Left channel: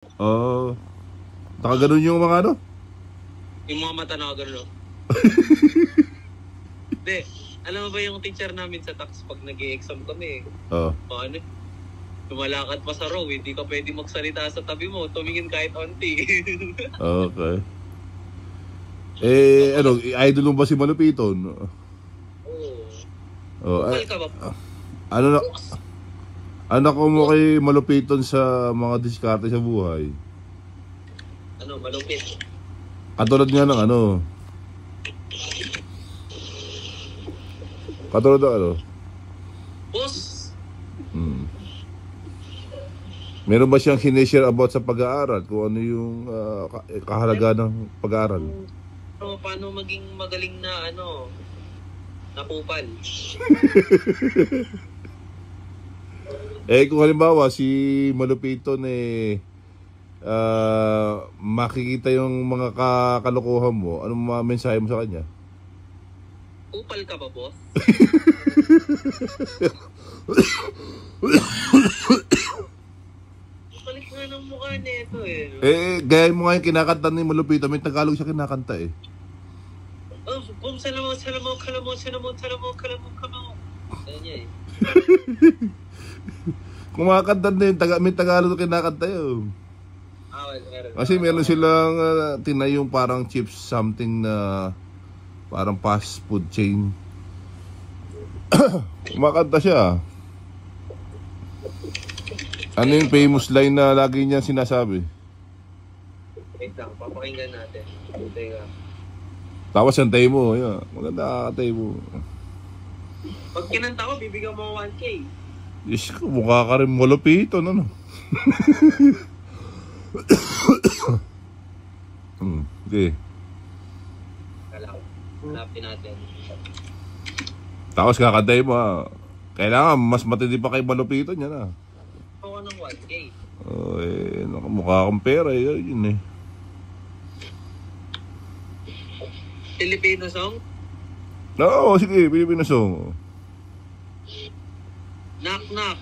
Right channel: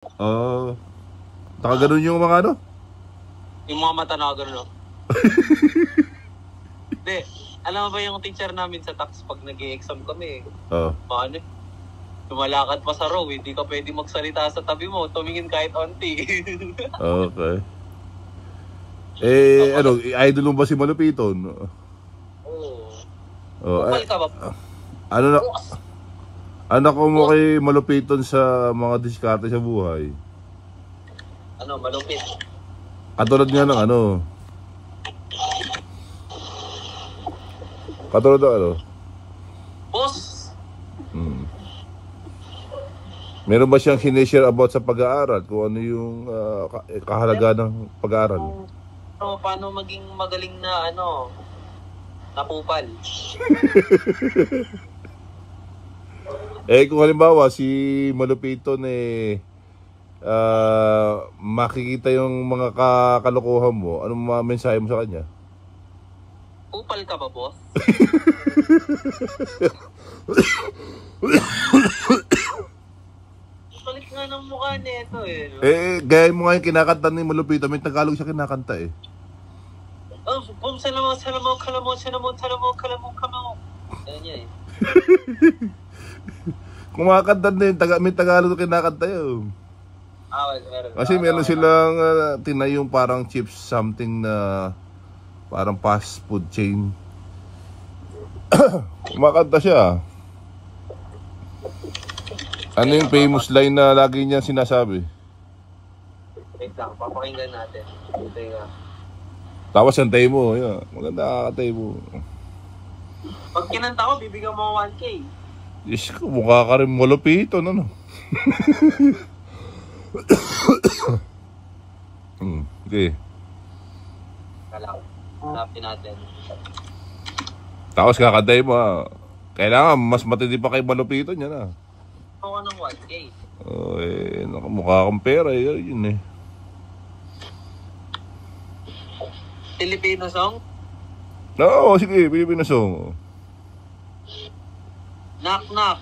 Oo. Nakaganon yung mga ano? Yung mga mata na gano'n, no? Hindi. Alam mo ba yung teacher namin sa tax pag nag-e-exam kami? Oo. Paano? Tumalakad pa sa row, hindi ka pwede magsalita sa tabi mo. Tumingin kahit onti. Okay. Eh, ano, idol mo ba si Malupiton? Oo. Oh, Kupal ka ba? ano na, anak ko mo kay Malupiton sa mga diskarte sa buhay. Ano, malupit. Katulad nga ng ano. Katulad ng ano. Boss! Meron ba siyang sinishare about sa pag-aaral? Kung ano yung kahalaga ng pag-aaral? Paano maging magaling na ano, napupal? Eh kung halimbawa si Malupiton makikita yung mga kalokohan mo, anong mga mensahe mo sa kanya? Kupal ka ba, boss? Palit nga ng mukha nito eh. No? Gaya mo nga yung kinakanta ni Malupiton, may Tagalog siya kinakanta eh. Oh, boom, salamon. Ganyan niya eh. Kumakanta din, may Tagalog na kinakanta yun. Meron. Kasi meron silang tinayong parang chips something na parang fast food chain. Kumakanta siya. Ano yung famous line na lagi niya sinasabi? Wait lang, papakinggan natin. Ito yung Tapos yung tayo mo, yun. Maganda kakatay mo. pag kinanta ko, bibigyan mo 1K. Yes, mukha ka rin Malupiton, ano? Okay. Kala ko. Hanapin natin. Tapos kakatay mo, kailangan mas matindi pa kay Malupiton yan, ah. Ako ng 1K. Oh, mukha kang pera, yun eh. Filipino song? Oo, sige, Pilipino song. Knock knock.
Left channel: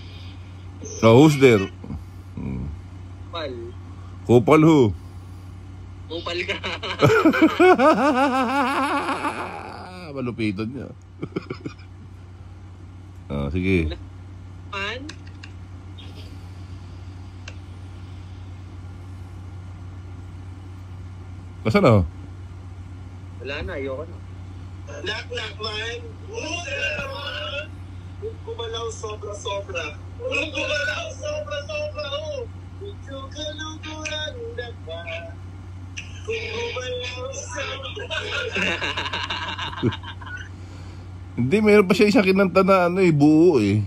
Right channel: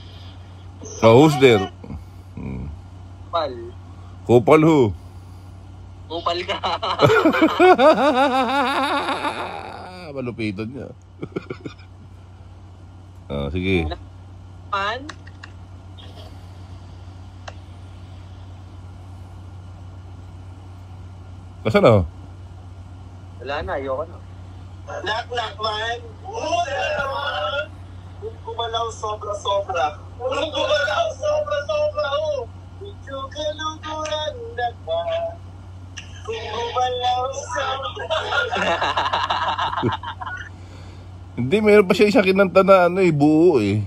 Oh, who's there? Kupal. Kupal who? Kupal ka. Malupiton niya. Sige. Man? Kasi na? Wala na, ayoko na. Knock knock man. Who's there naman? Kung gumalaw sobra-sobra. Kung gumalaw sobra-sobra. Medyo kaluguran na ka. Kung gumalaw sobra. Hindi, meron pa siya isang kinanta na ano buo eh.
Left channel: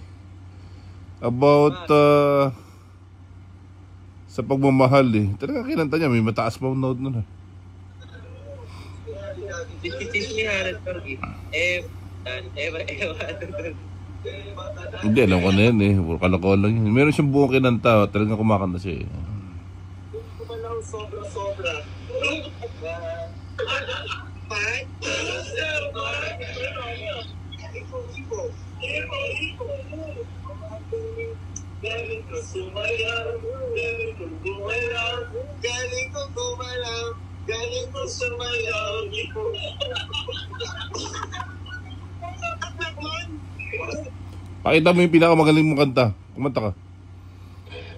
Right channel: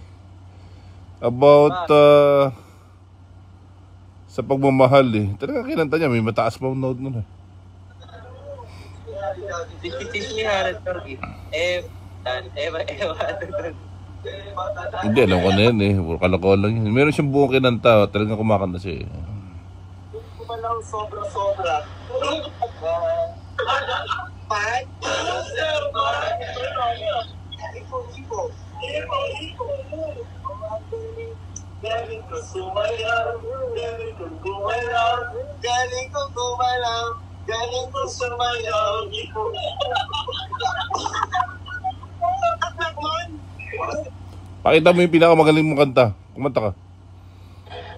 About sa pagmamahal eh. Talaga kinanta niya, may mataas pa note nun eh. Teach me how to talk it. Hindi, alam ko na yan eh. Kalokohan lang yun. Meron siyang buong kinanta, talagang kumakanta siya eh. Kung gumalaw sobra-sobra. Man? Who's there man? Iko. Galing ko sumayaw. Galing ko gumalaw. Galing ko gumalaw. Galing ko sumayaw. Iko. Pakita mo yung pinakamagaling mong kanta. Kumanta ka.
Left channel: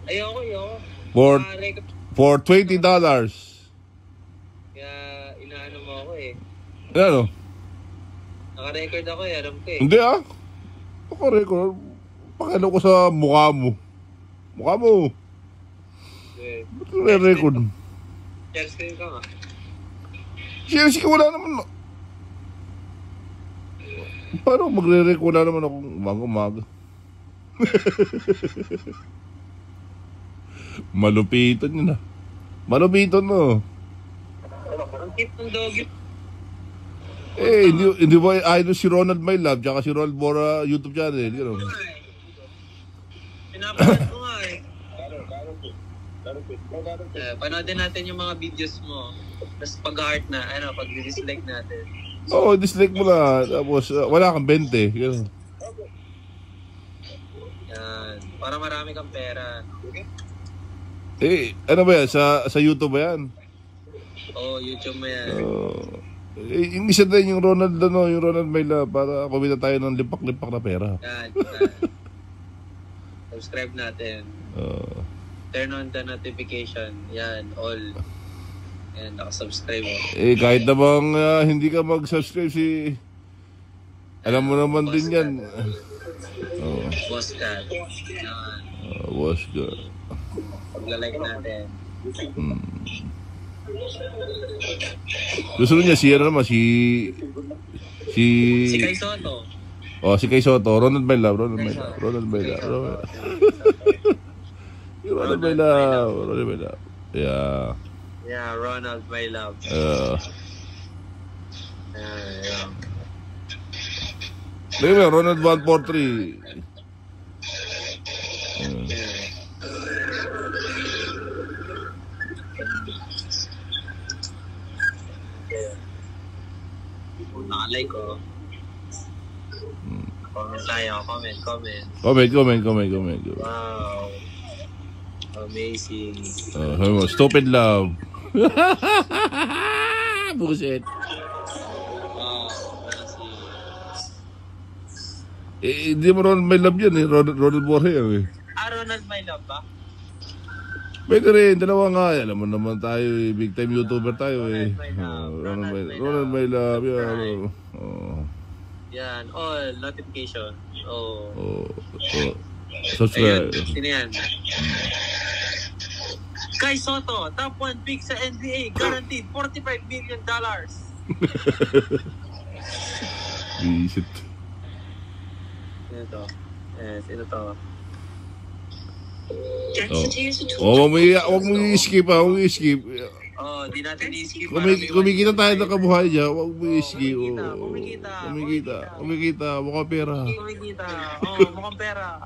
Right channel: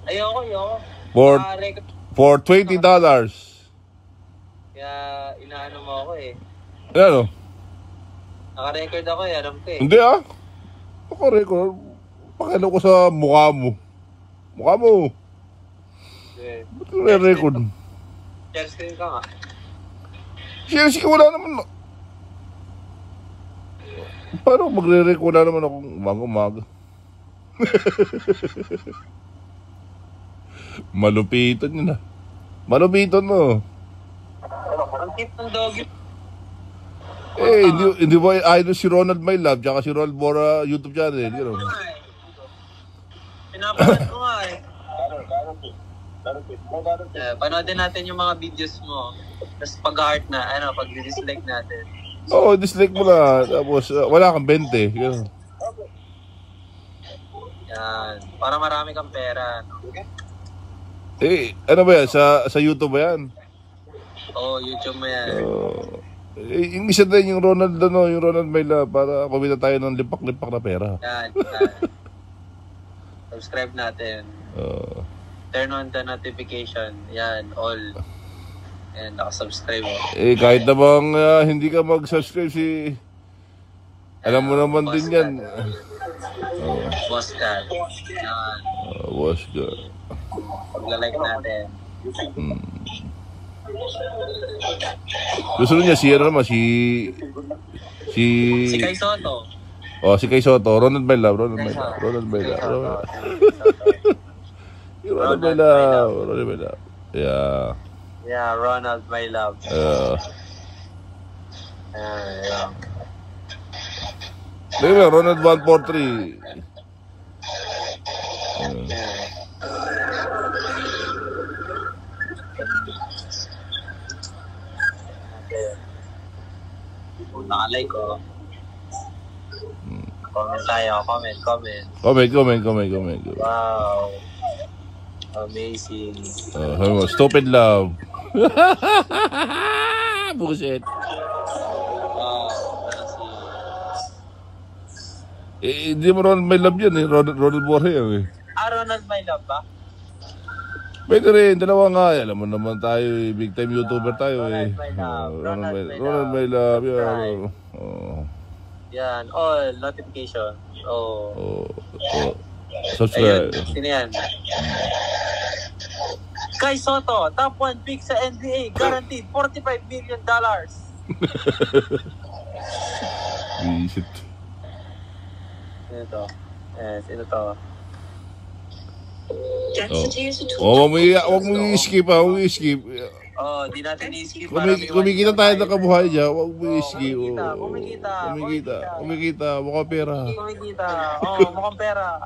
Ayoko. For $20. Kaya inaano mo ako eh. Ano? Naka-record ako eh, alam ko eh. Hindi ah. Naka-record. Pakita ko sa mukha mo. Mukha mo. Yeah. Ba't ko na-record? Share screen ka nga. Share screen, wala naman. Paano magre-record? Wala naman akong umaga-umaga. Malupiton yun ah. Malupiton no. Ang cute ng doggy. Eh, hindi ba idol si Ronald My Love tsaka si Ronald Bora YouTube channel, you know? Pinapanood ko nga eh. Panoodin natin yung mga videos mo. Tapos pag-heart na, pag-dislike natin. Oo, dislike mo na. Tapos wala kang 20. Ganun. Yan. Para marami kang pera. No? Ano ba yan? Sa YouTube ba yan? Oo, YouTube mo yan. Yung isa din, yung Ronald Mayla, para kumita tayo ng lipak-lipak na pera. Yan. Subscribe natin. Turn on the notification. Yan, all. And nakasubscribe mo. Kahit namang hindi ka mag-subscribe alam mo naman Boss din yan. Boss Cat. Yan. Boss ka. Pagla-like natin. Gusto niya si Si Kai Soto. Si Kai Soto. Ronald Mayla. Yeah. Yeah, Ronald, my love. Tingnan mo, Ronald 143. Nakalike ko. Comment tayo. Comment. Comment. Wow. Amazing. Stupid love. Bullshit. Wow. Amazing. Hindi mo Ronald May Love yan Ronald Borja eh. Ronald, my love ba? Pwede rin, dalawa nga. Alam mo naman tayo big time YouTuber tayo Ronald, my love. Ronald May Love. Yan, all notification. Subscribe. Ayun, sino yan? Kai Soto, top 1 pick sa NBA, guaranteed $45 million. Visit. Sino to? Sino to? Huwag mo i-skip Di natin i-skip. Kumikita tayo ng kabuhay niya. Huwag mo i-skip. Kumikita. Mukhang pera. Mukhang pera.